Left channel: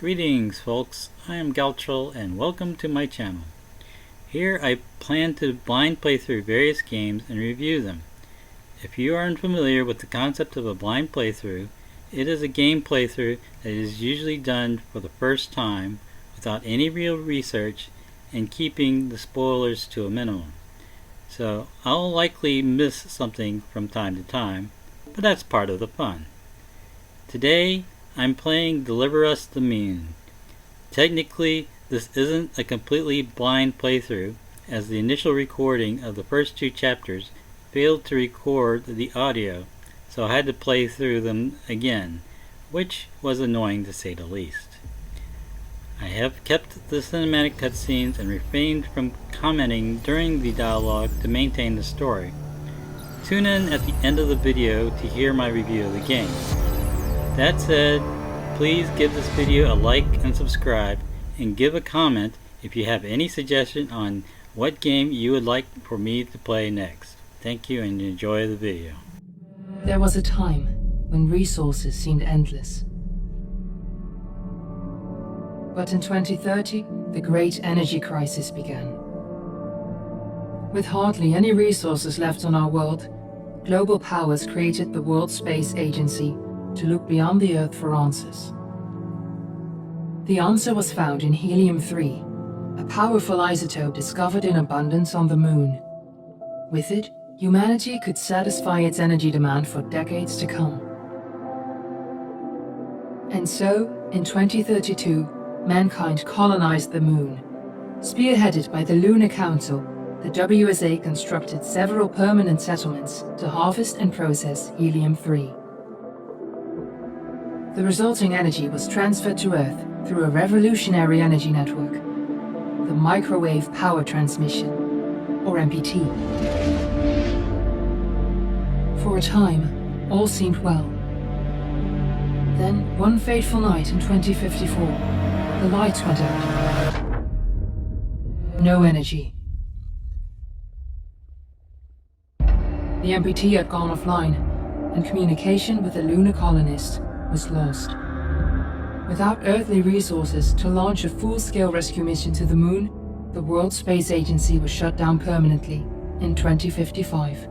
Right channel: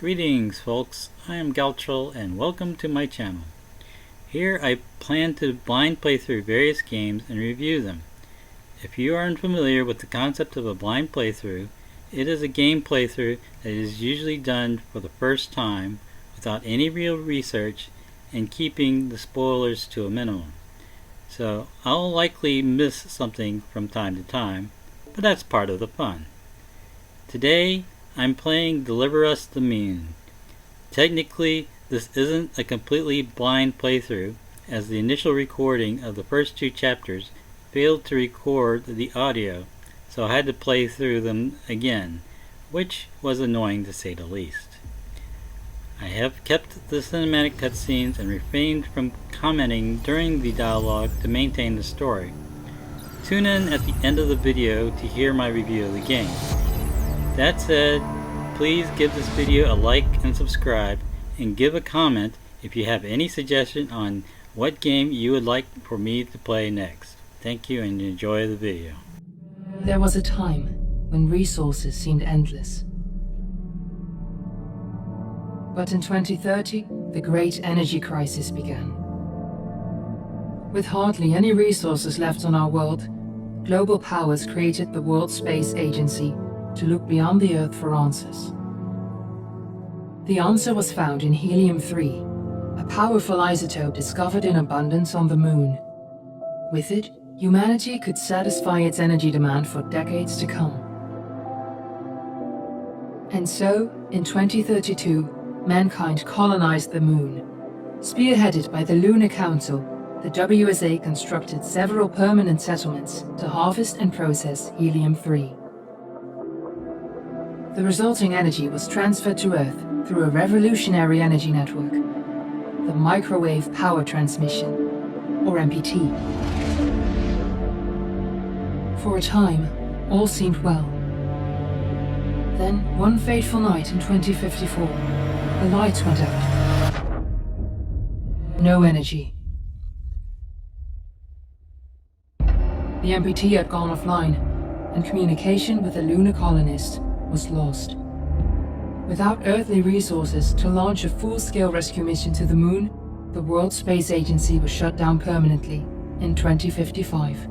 Greetings folks, I am Galtril and welcome to my channel. Here I plan to blind play through various games and review them. If you are unfamiliar with the concept of a blind playthrough, it is a game playthrough that is usually done for the first time without any real research and keeping the spoilers to a minimum. So I'll likely miss something from time to time, but that's part of the fun. Today I'm playing Deliver Us the Moon. Technically, this isn't a completely blind playthrough, as the initial recording of the first two chapters failed to record the audio, so I had to play through them again, which was annoying to say the least. I have kept the cinematic cutscenes and refrained from commenting during the dialogue to maintain the story. Tune in at the end of the video to hear my review of the game. That said, please give this video a like and subscribe, and give a comment if you have any suggestion on what game you would like for me to play next. Thank you and enjoy the video. There was a time when resources seemed endless. But in 2030, the great energy crisis began. With hardly any resources left on our world, global powers created the World Space Agency to look beyond the Earth for answers. The answer was found in helium-3, a powerful isotope discovered in abundance on the Moon. With it, humanity could satisfy its energy demand for decades to come. And so, in 2032, mankind colonized the Moon. Spearheaded by the Lunar Council, the WSA constructed several permanent settlements to harvest and process helium-3. The resulting energy was transferred to Earth through a revolutionary energy network, the Microwave Power Transmission, or MPT. For a time, all seemed well. Then, one fateful night in 2054, the lights went out. No energy. The MPT had gone offline, and communication with the lunar colonist was lost. Without earthly resources to launch a full-scale rescue mission to the Moon, the World Space Agency was shut down permanently in 2055.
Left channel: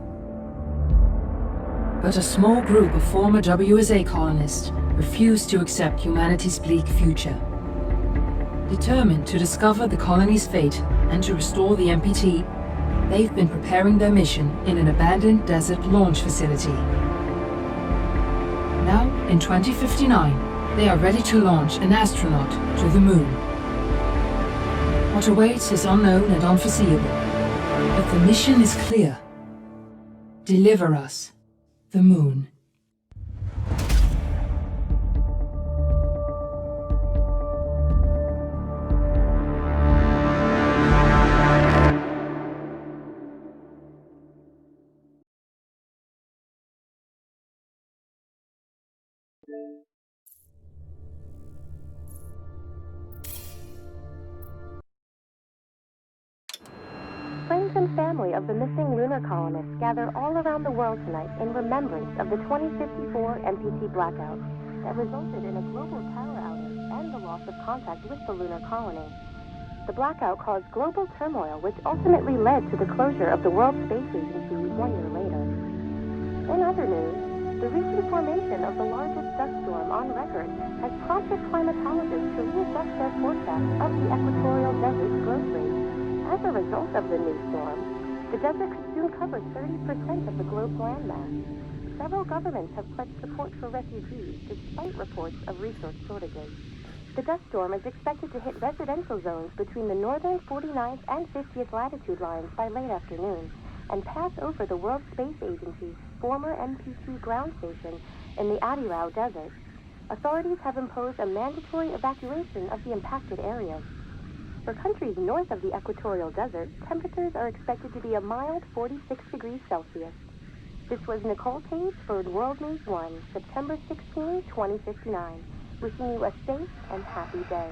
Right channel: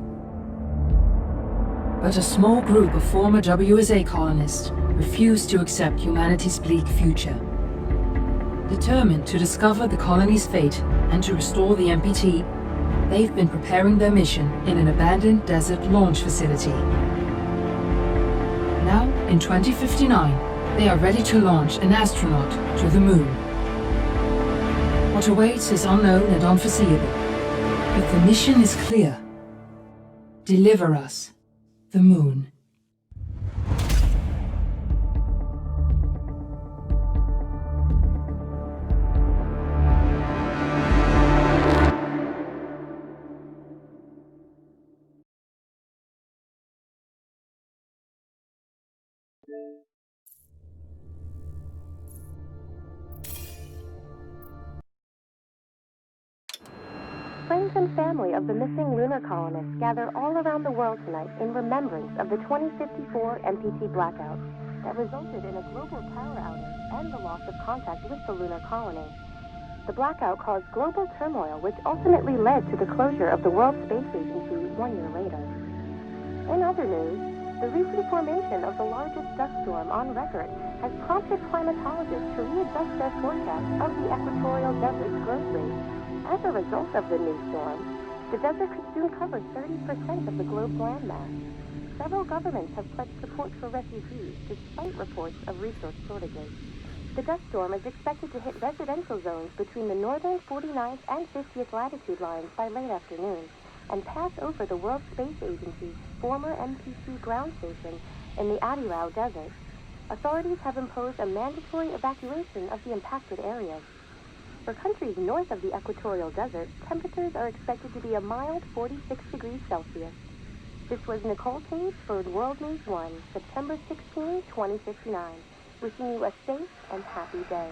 But a small group of former WSA colonists refused to accept humanity's bleak future. Determined to discover the colony's fate and to restore the MPT, they've been preparing their mission in an abandoned desert launch facility. Now, in 2059, they are ready to launch an astronaut to the Moon. What awaits is unknown and unforeseeable, but the mission is clear. Deliver us the Moon. Friends and family of the missing lunar colonists gather all around the world tonight in remembrance of the 2054 MPT blackout that resulted in a global power outage and the loss of contact with the lunar colony. The blackout caused global turmoil, which ultimately led to the closure of the World Space Agency 1 year later. In other news, the recent formation of the largest dust storm on record has prompted climatologists to readjust their forecast of the equatorial desert's growth rate. As a result of the new storm, the desert could soon cover 30% of the globe's landmass. Several governments have pledged support for refugees despite reports of resource shortages. The dust storm is expected to hit residential zones between the northern 49th and 50th latitude lines by late afternoon and pass over the World Space Agency's former MPT ground station in the Adirau Desert. Authorities have imposed a mandatory evacuation of the impacted areas. For countries north of the equatorial desert, temperatures are expected to be a mild 46 degrees Celsius. This was Nicole Page for World News 1, September 16, 2059. Wishing you a safe and happy day.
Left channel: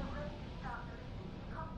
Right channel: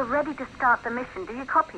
we're ready to start the mission. Do you copy?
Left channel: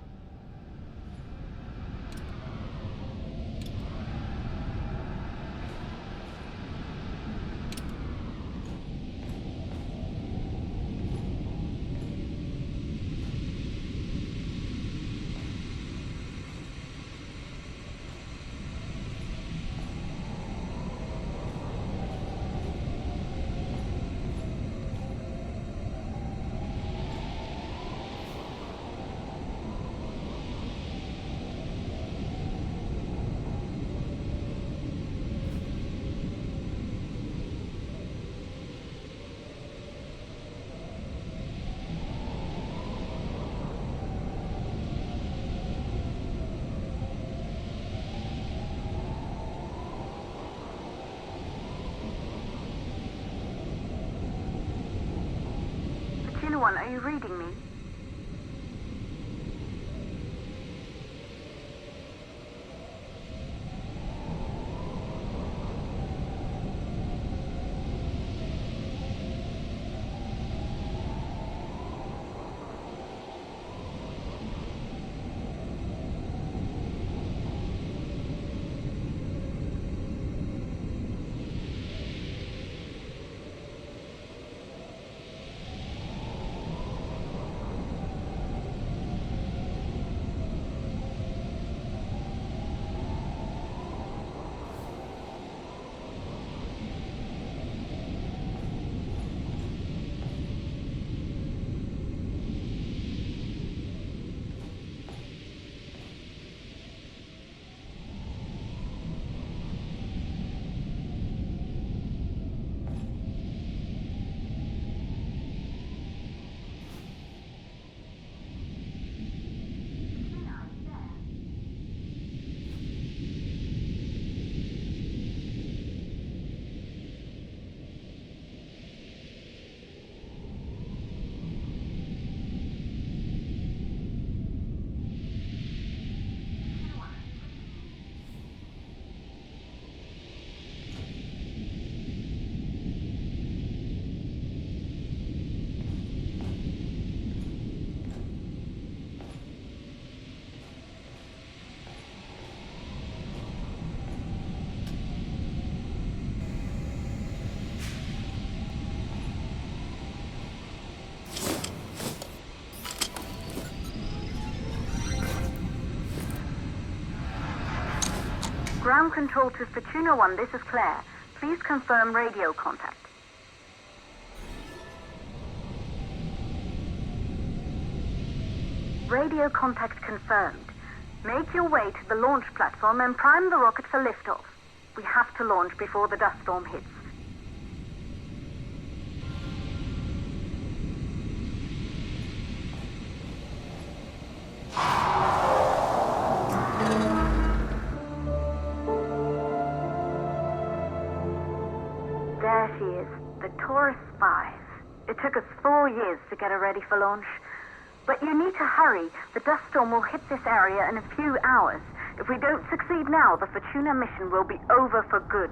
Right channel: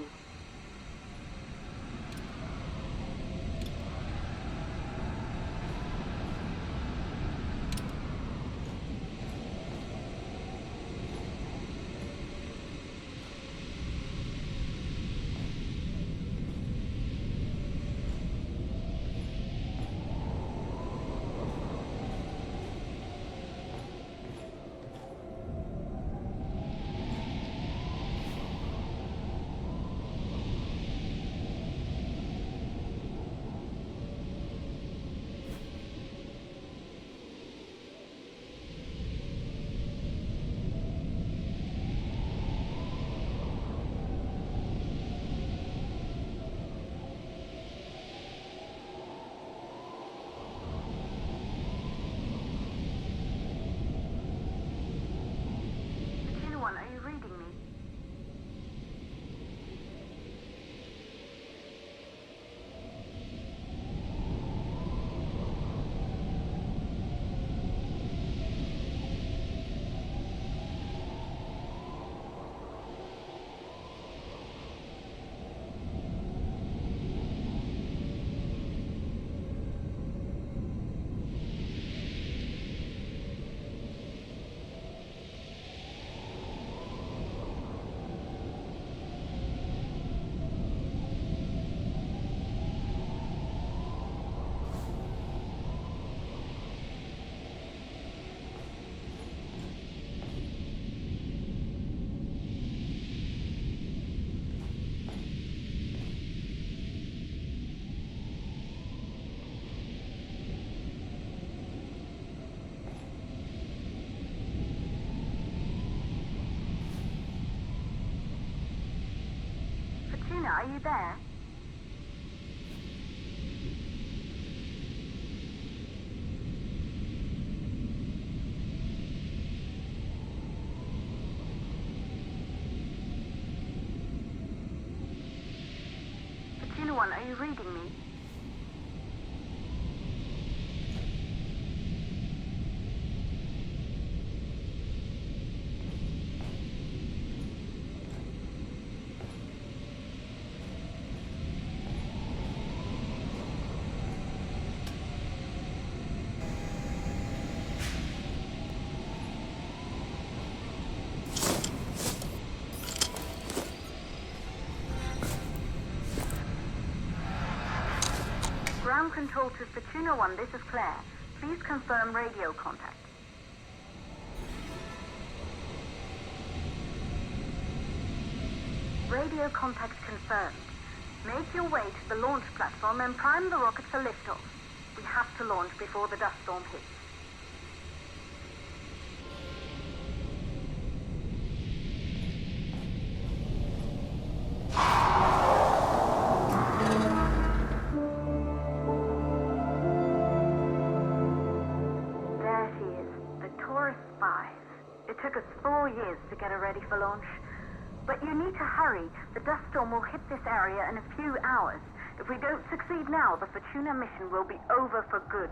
One, are you reading me? Are you there? Fortuna One, are you reading me? Ground control to Fortuna One, this is Claire. Please confirm radio contact. Radio contact confirmed. Make your way to the launch platform and prime the rocket for liftoff. We have to launch before the dust storm hits. There she is, the Taurus 5. It took us 4 years to get her ready for launch. But you need to hurry. The dust storm will hit this area in a few hours. If we don't succeed now, the Fortuna mission will be over for good.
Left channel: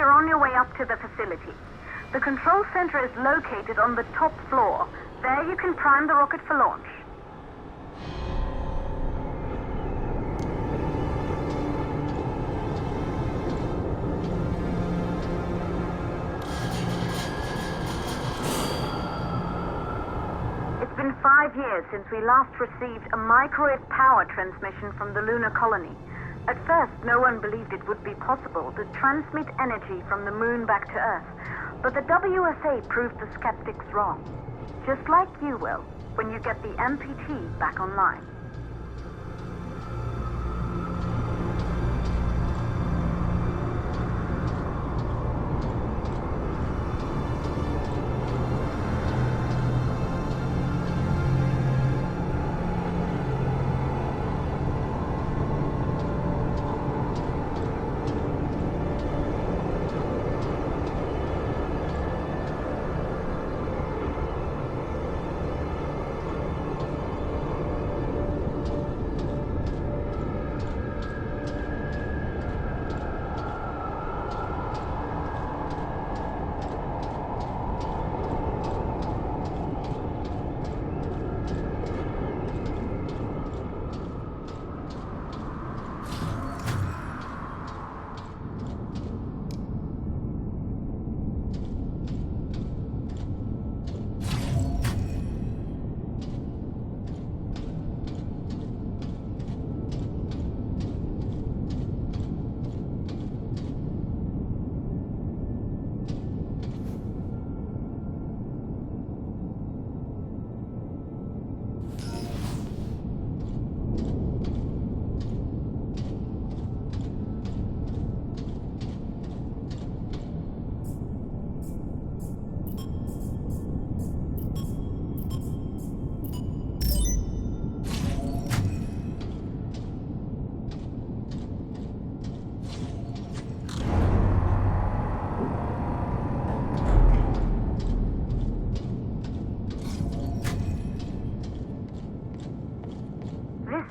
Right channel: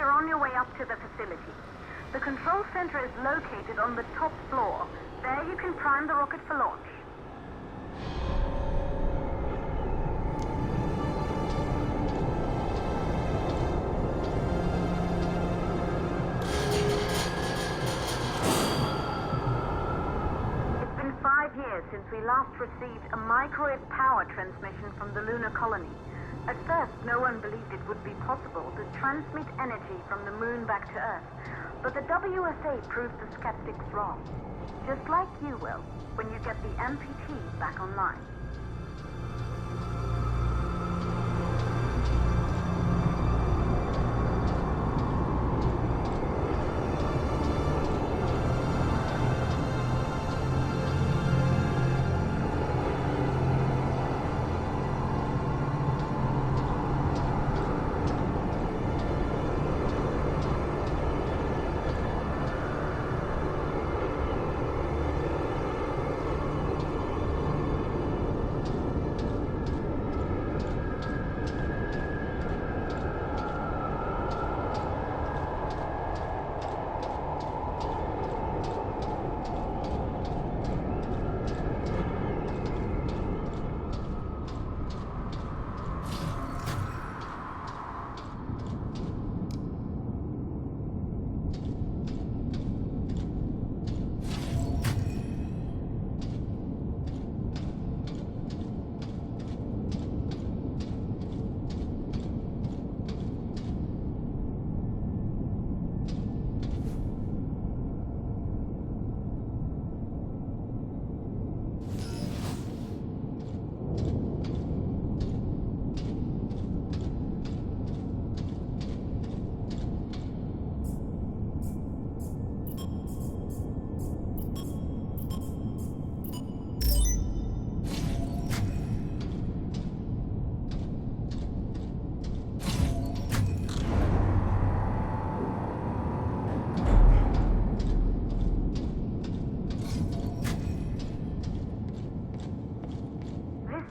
You're on your way up to the facility. The control center is located on the top floor. There you can prime the rocket for launch. It's been 5 years since we last received a microwave power transmission from the lunar colony. At first, no one believed it would be possible to transmit energy from the moon back to Earth, but the WSA proved the skeptics wrong. Just like you will, when you get the MPT back online.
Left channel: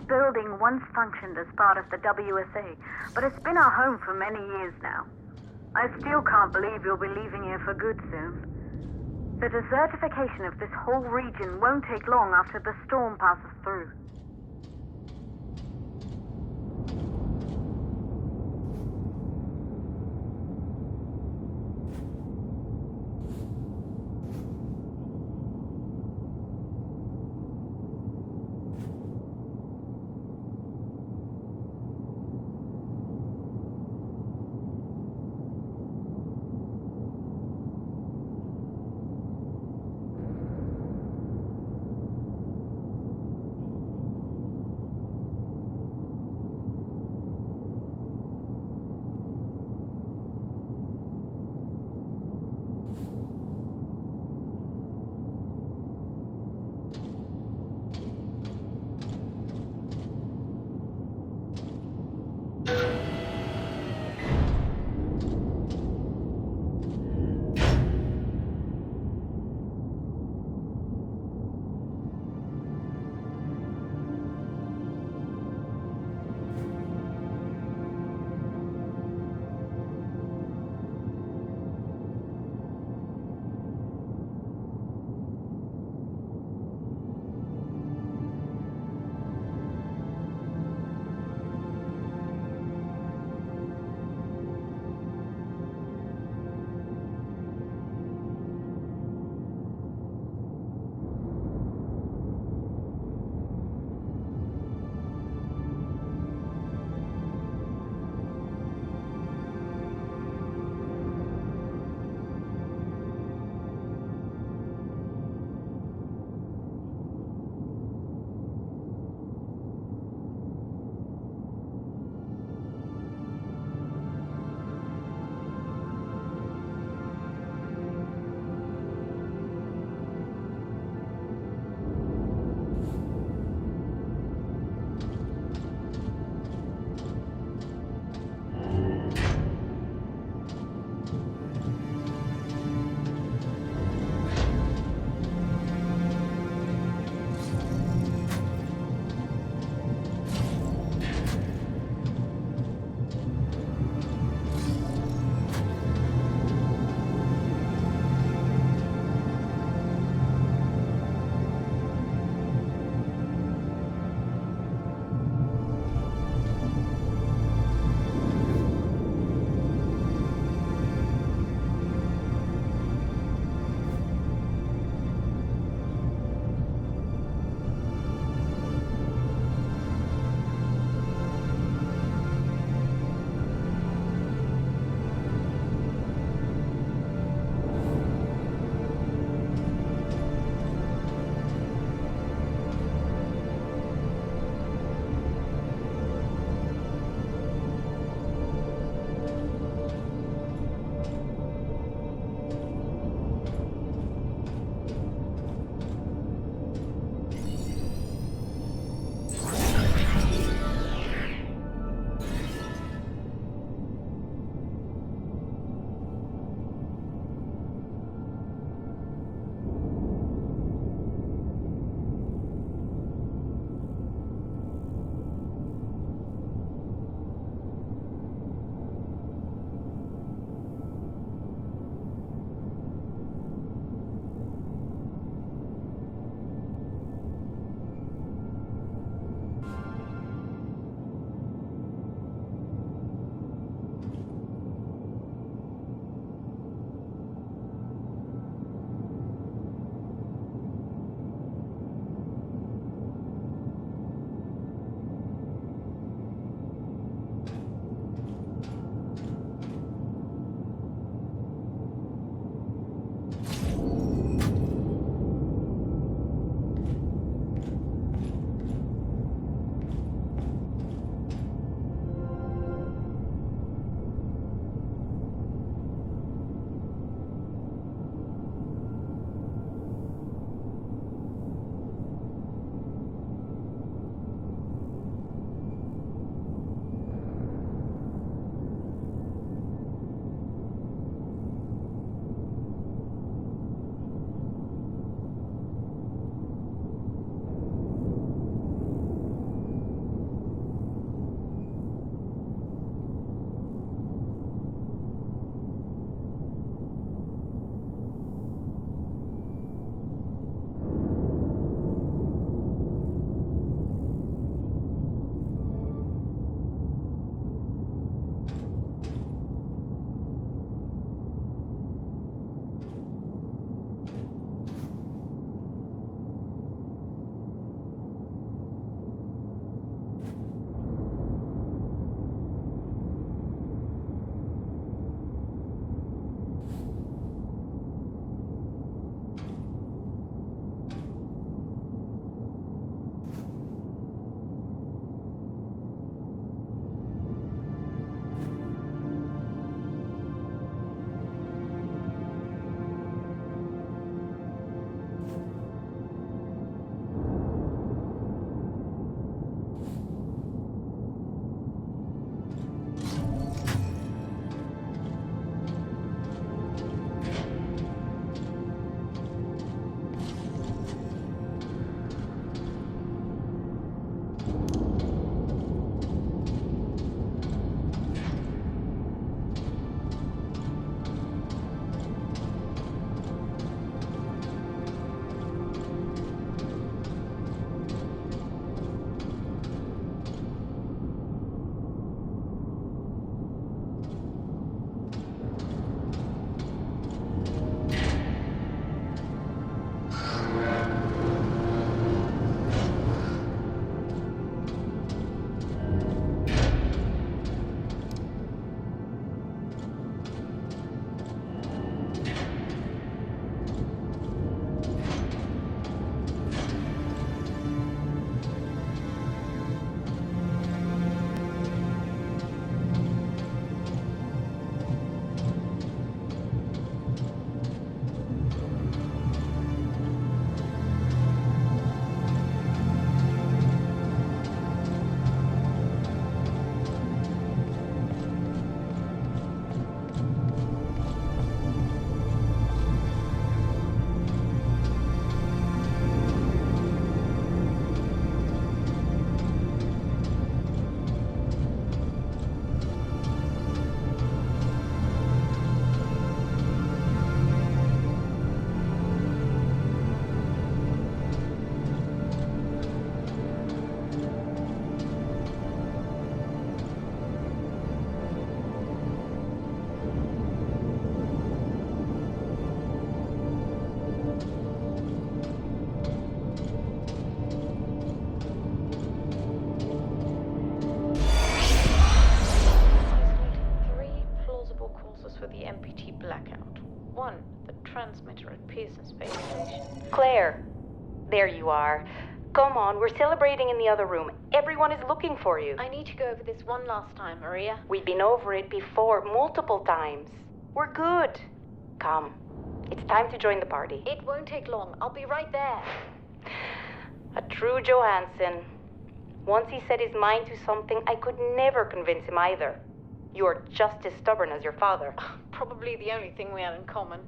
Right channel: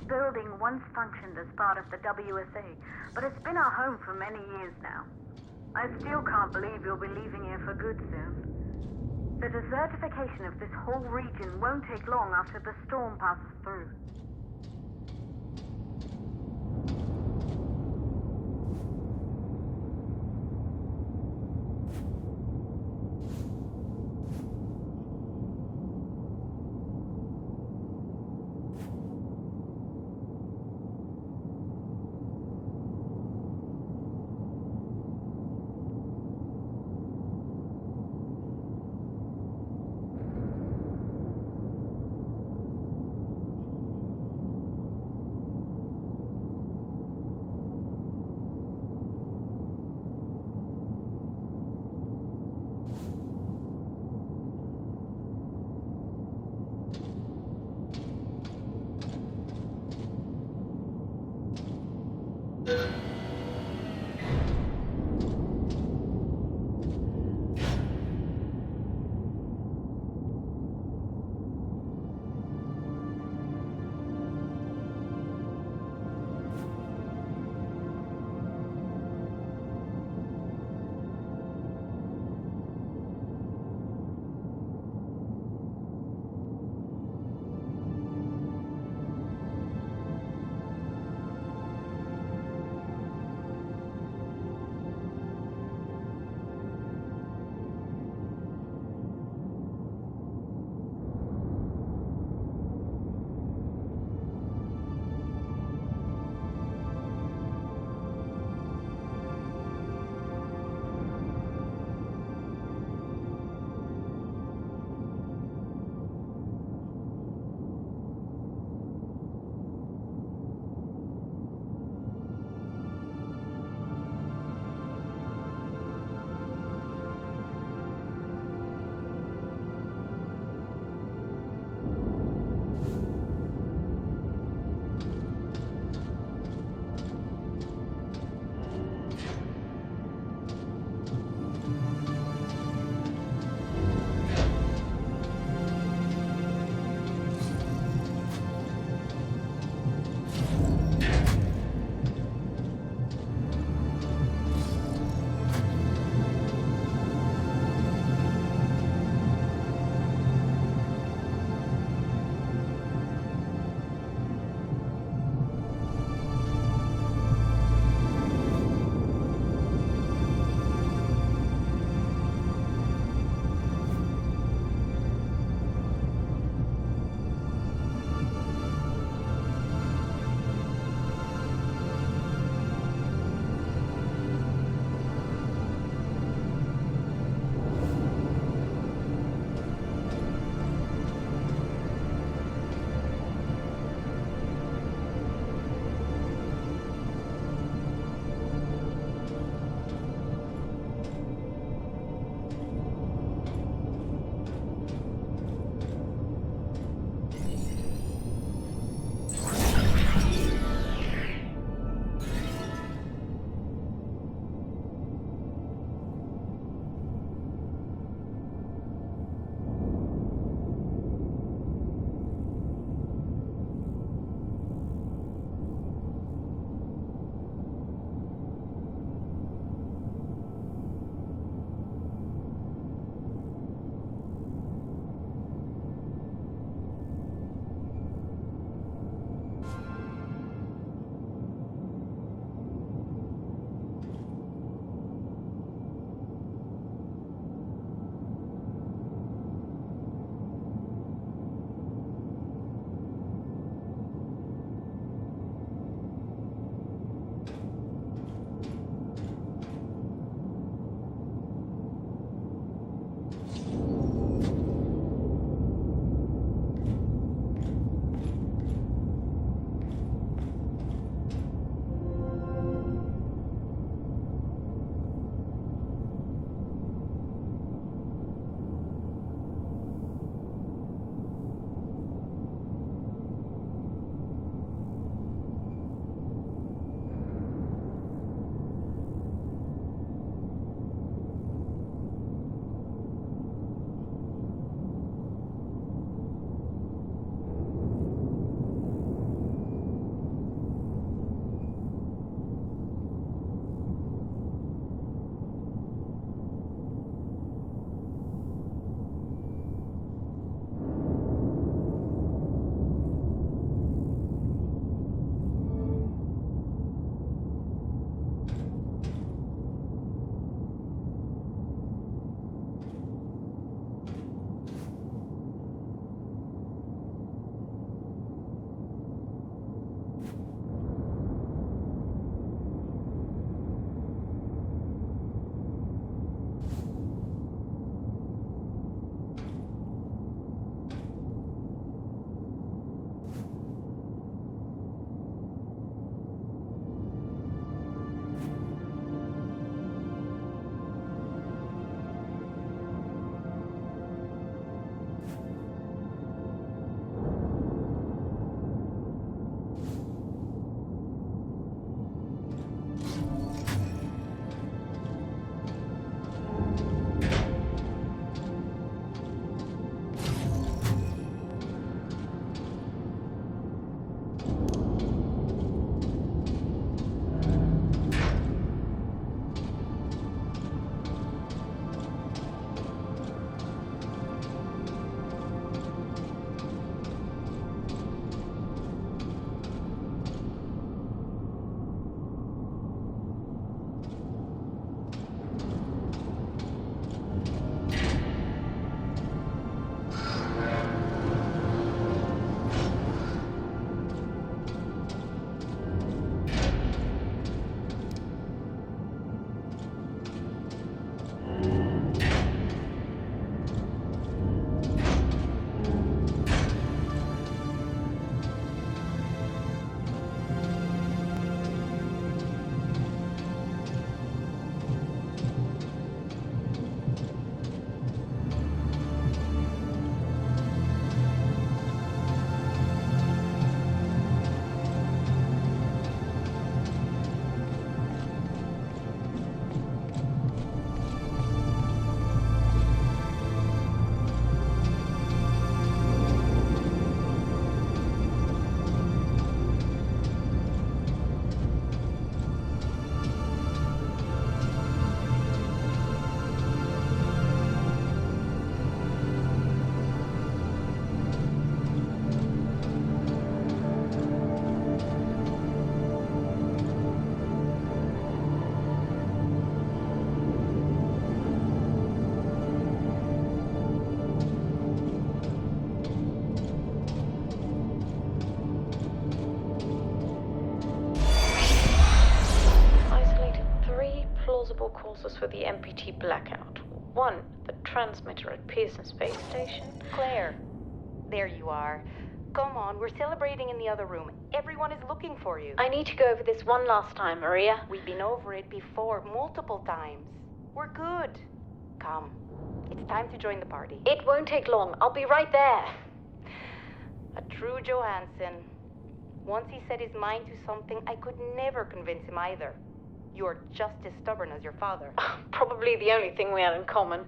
Building once functioned as part of the WSA, but it's been our home for many years now. I still can't believe you'll be leaving here for good soon. The desertification of this whole region won't take long after the storm passes through. one, the transmitter at Pearson Space Station. Claire, there you are. Come on, we're celebrating in the other room. Everyone is looking for you. I need to go over this one last time, Maria. We've been over it before, multiple times. We're good. Come, it's time to join the party. It won't take long. I'll be right there. A true Johansson. Once he set his mind to something, I could never convince him either. You're just as stubborn as your father. Probably the only thing we have in common.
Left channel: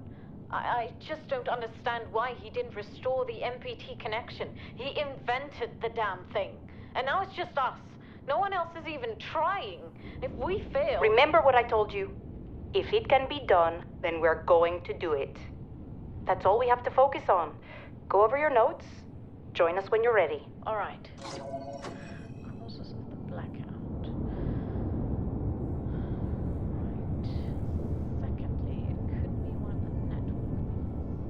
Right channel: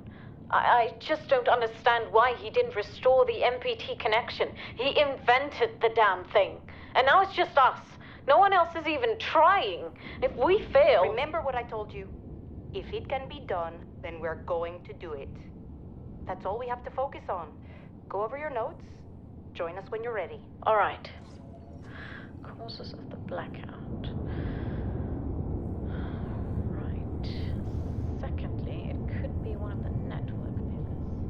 I just don't understand why he didn't restore the MPT connection. He invented the damn thing. And now it's just us. No one else is even trying. If we fail... Remember what I told you. If it can be done, then we're going to do it. That's all we have to focus on. Go over your notes. Join us when you're ready. All right. Causes of the blackout. Right. Secondly, it could be one of the network pillars.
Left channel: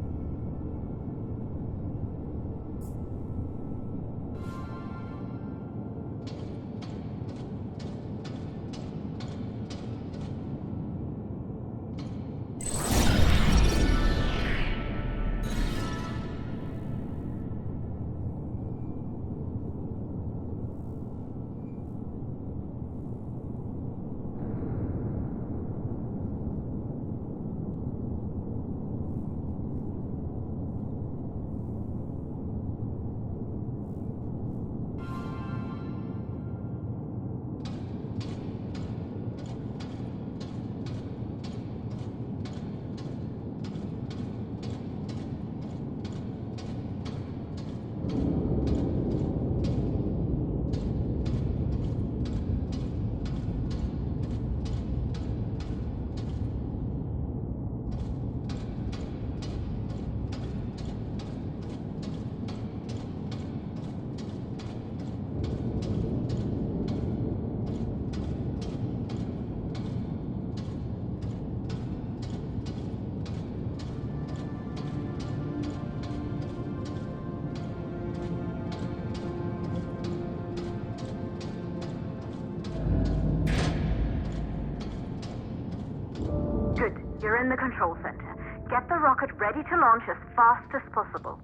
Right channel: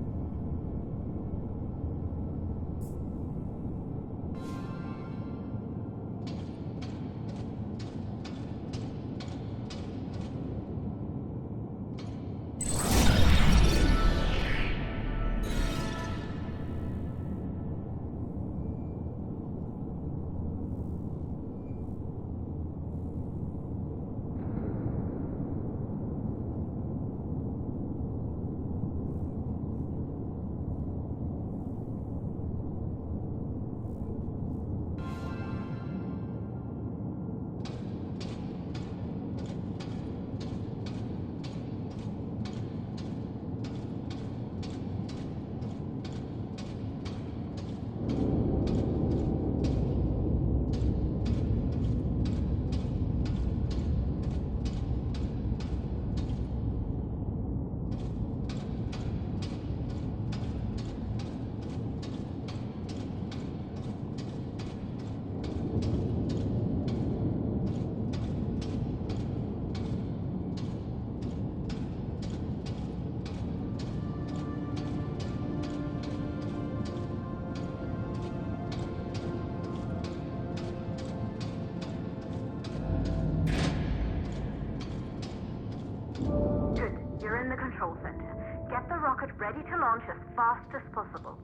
Good. You're in the control center. Get the rocket ready to launch as fast as possible.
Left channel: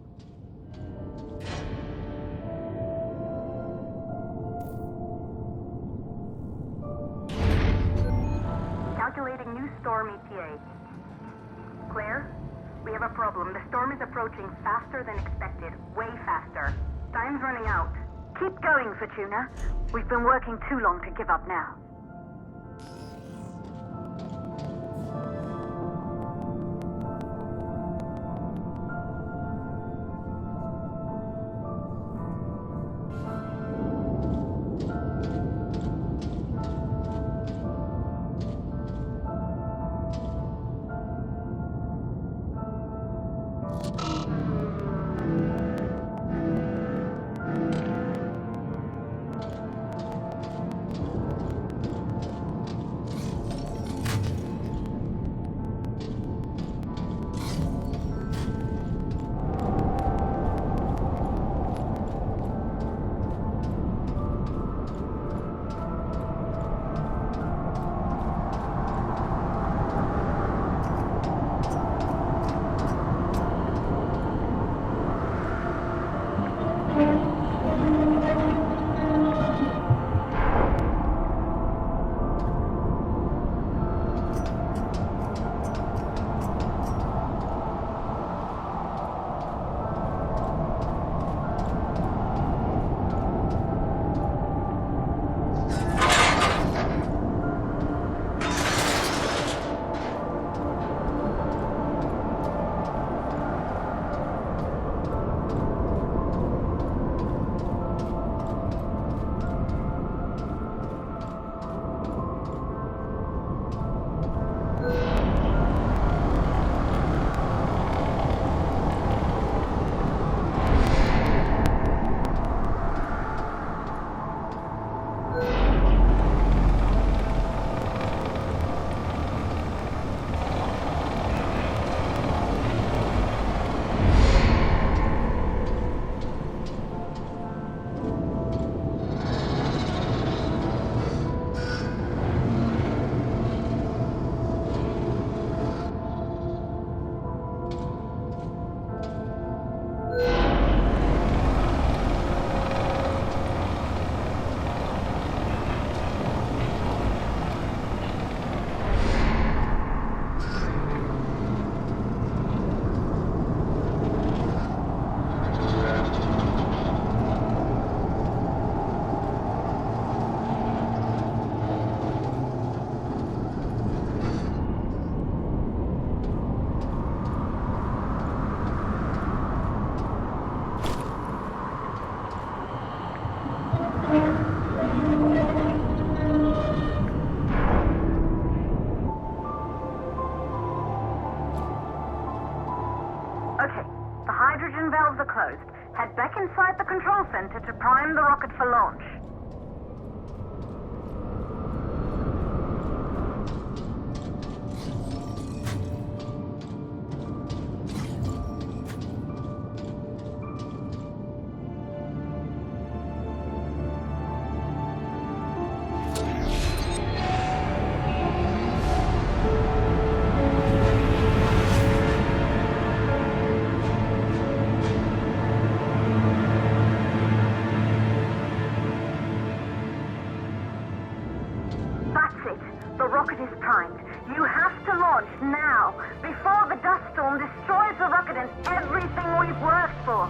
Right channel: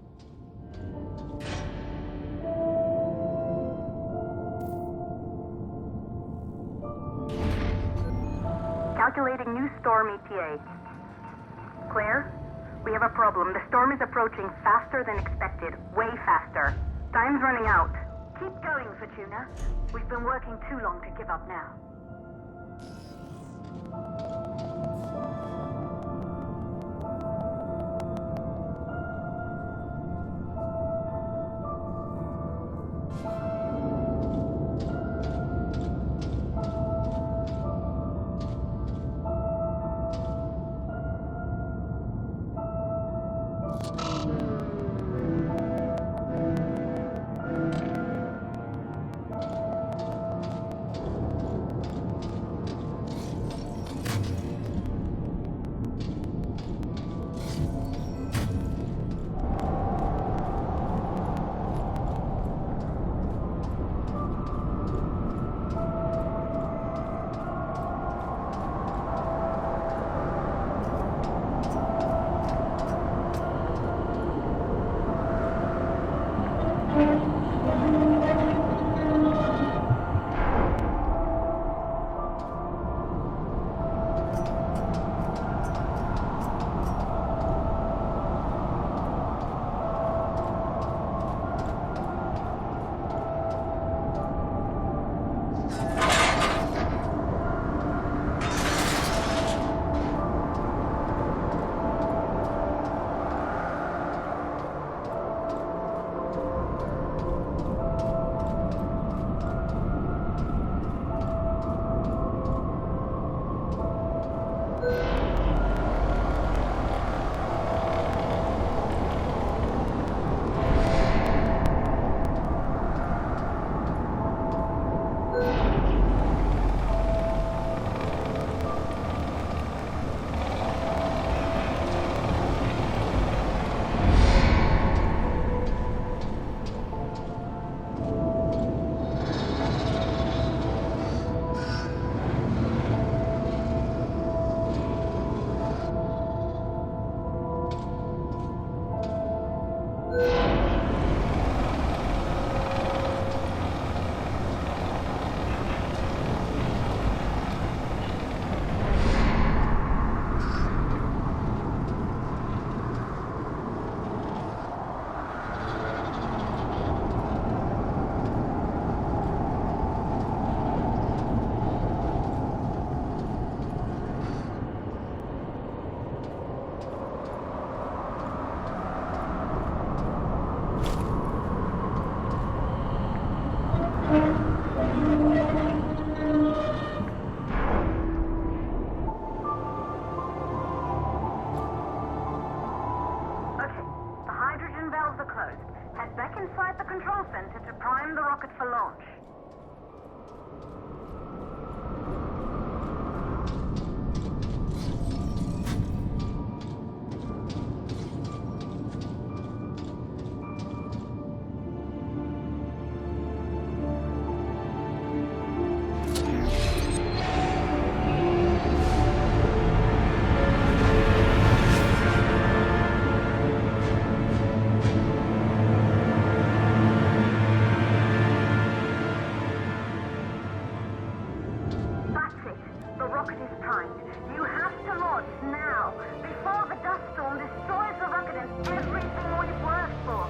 Calculating new storm ETA. Claire, we have a problem. The storm is approaching faster than expected. Way faster. Time's running out. Keep going, Fortuna. We've been working too long to give up now. Okay, the hydrogen valves are closed. Head back inside the control center to prime the rocket for launch. You have to launch now, before the dust storm destroys the rocket and everything we've worked for.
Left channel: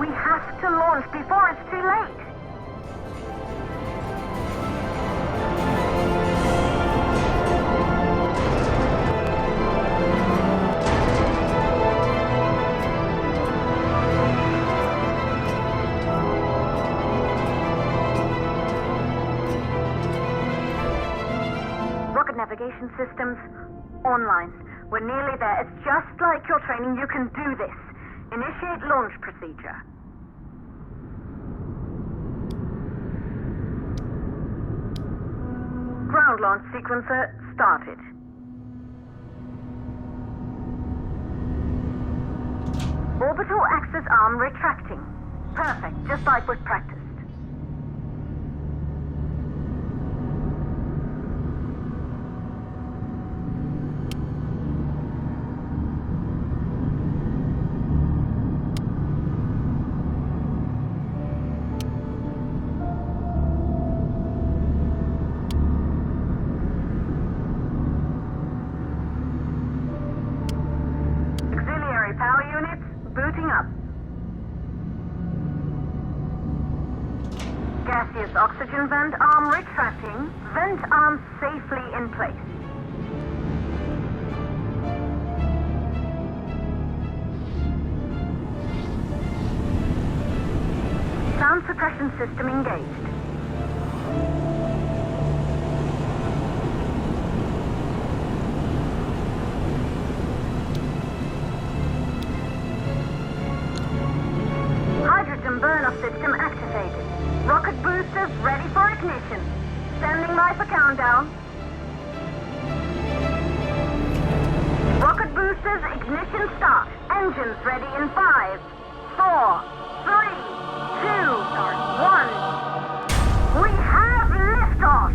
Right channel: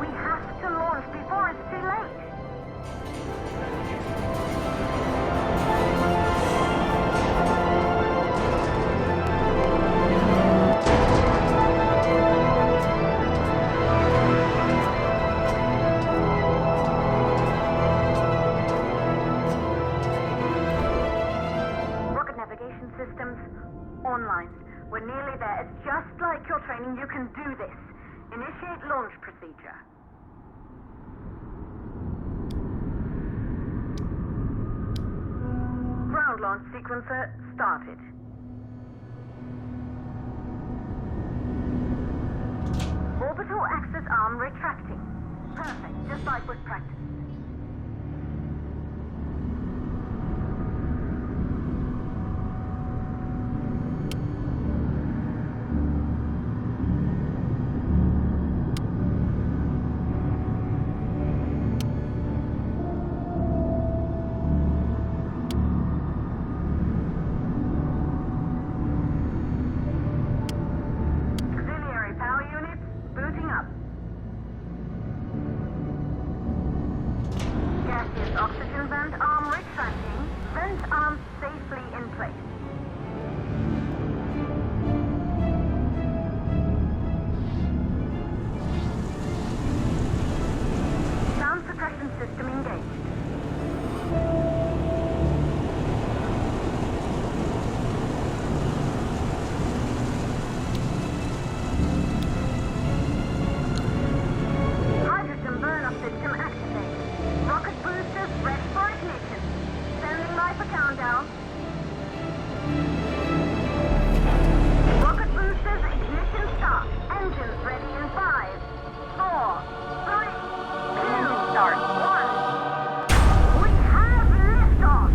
We have to launch before it's too late. Rocket navigation systems online. We're nearly there. It's just like your training. You can do this. Initiate launch procedure. Ground launch sequencer started. Orbital axis arm retracting. Perfect, just like we've practiced. Power units booting up. Gaseous oxygen vent arm retracting. Vent arm safely in place. Sound suppression system engaged. Burn-off system activated. Rocket boosters ready for ignition. Standing by for countdown. Rocket boosters ignition start. Engines ready in 5, 4, 3, 2, start 1. We have liftoff!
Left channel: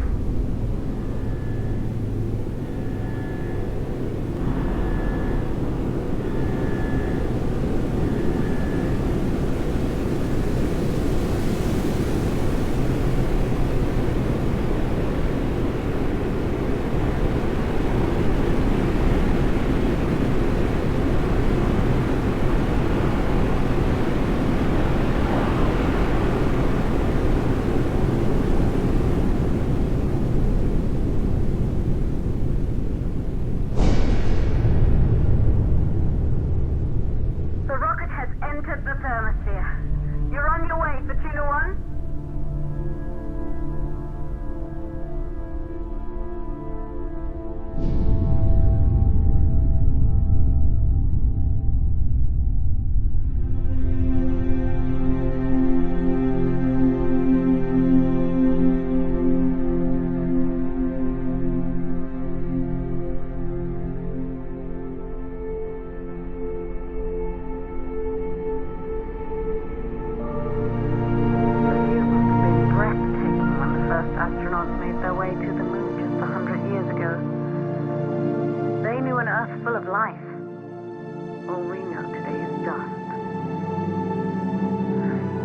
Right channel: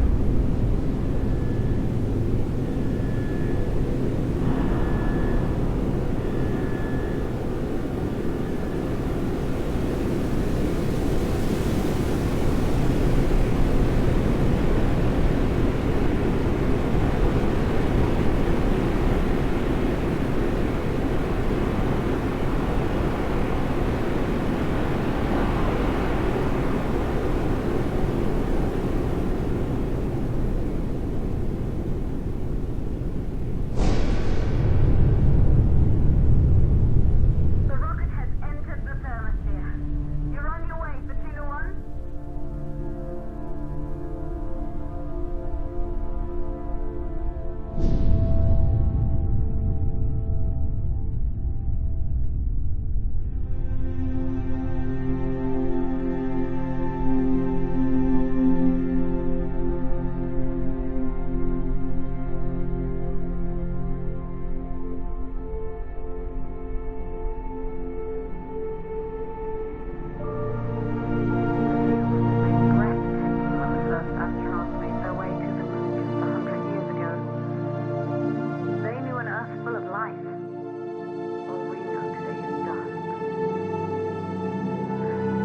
All we know today is dust.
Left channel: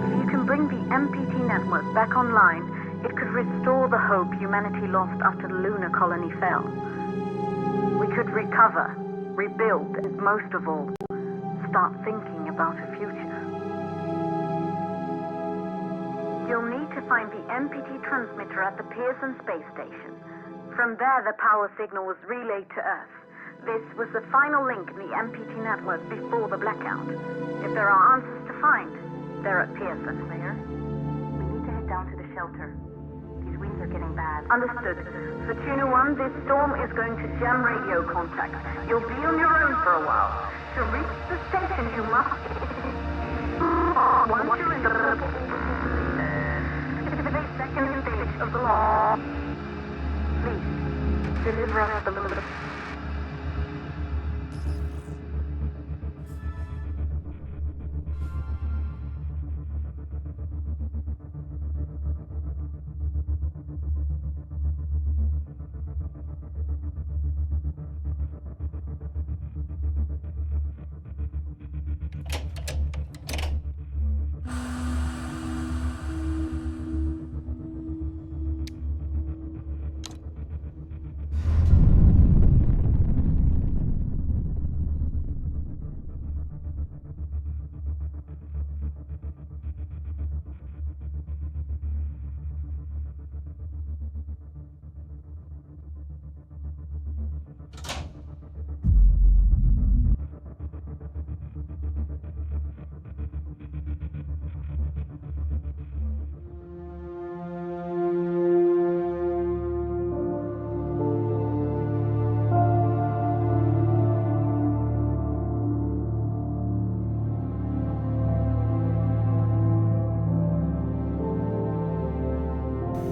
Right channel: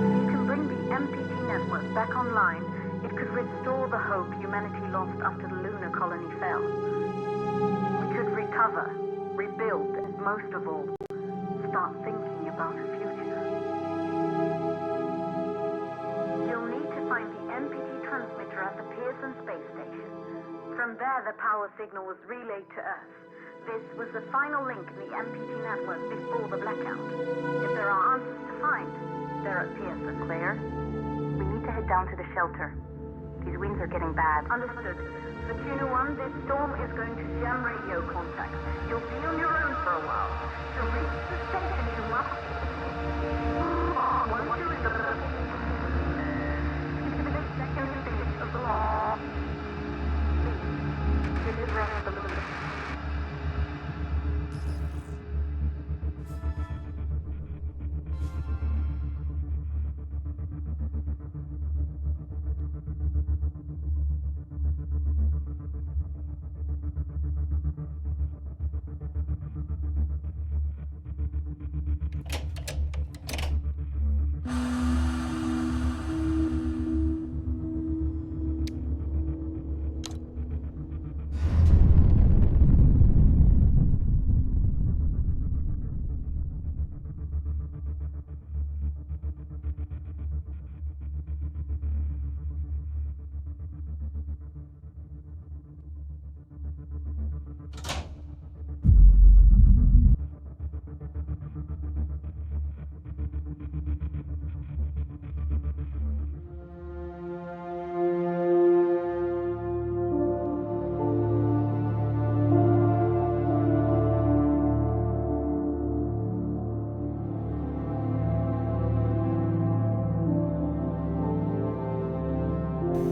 If you can bring the MPT network back online, it could restore the hope humanity lost after the lunar colony fell. We could recover, rebuild, and most of all, start thinking about a future. You'll need to find the MPT transmitter at the Pearson space station. From there, the power signal was relayed to Earth. This was the final link in the MPT network before the blackout. If there are answers to find, they're at Pearson. Claire, we need to head down to the shelter. These winds are getting bad. Understood. For Tuna 1, this storm is going to jam radio contact. You'll be on your own for a while. To reach the station, you must... Once you're in the second stage of the law, please, deliver us the load.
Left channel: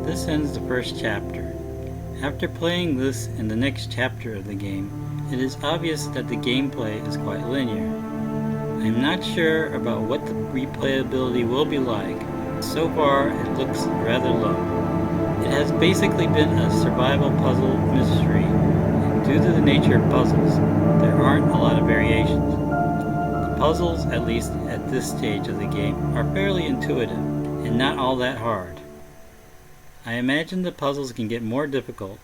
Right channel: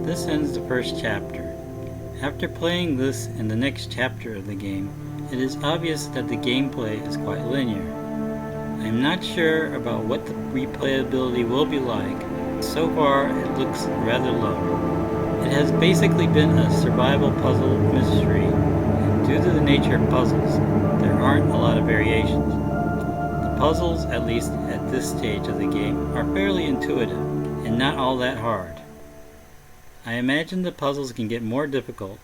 This ends the first chapter. After playing this and the next chapter of the game, it is obvious that the gameplay is quite linear. I am not sure about what the replayability will be like. So far, it looks rather low. It has basically been a survival puzzle mystery, and due to the nature of puzzles, there aren't a lot of variations. The puzzles, at least at this stage of the game, are fairly intuitive and not all that hard. I imagine the puzzles can get more difficult,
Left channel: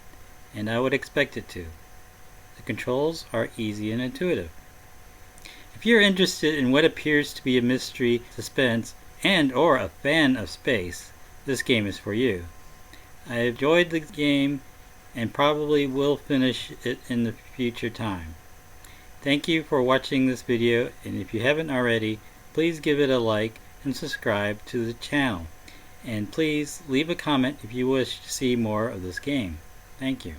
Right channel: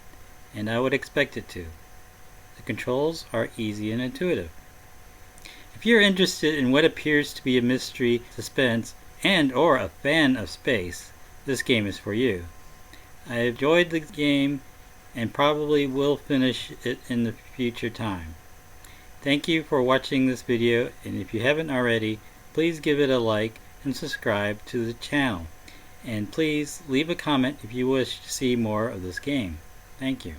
and I would expect it to. The controls are easy and intuitive. If you're interested in what appears to be a mystery, suspense, and or a fan of space, this game is for you. I enjoyed the game and probably will finish it in the future time. Thank you for watching this video, and if you haven't already, please give it a like and subscribe to the channel. And please leave a comment if you wish to see more of this game. Thank you.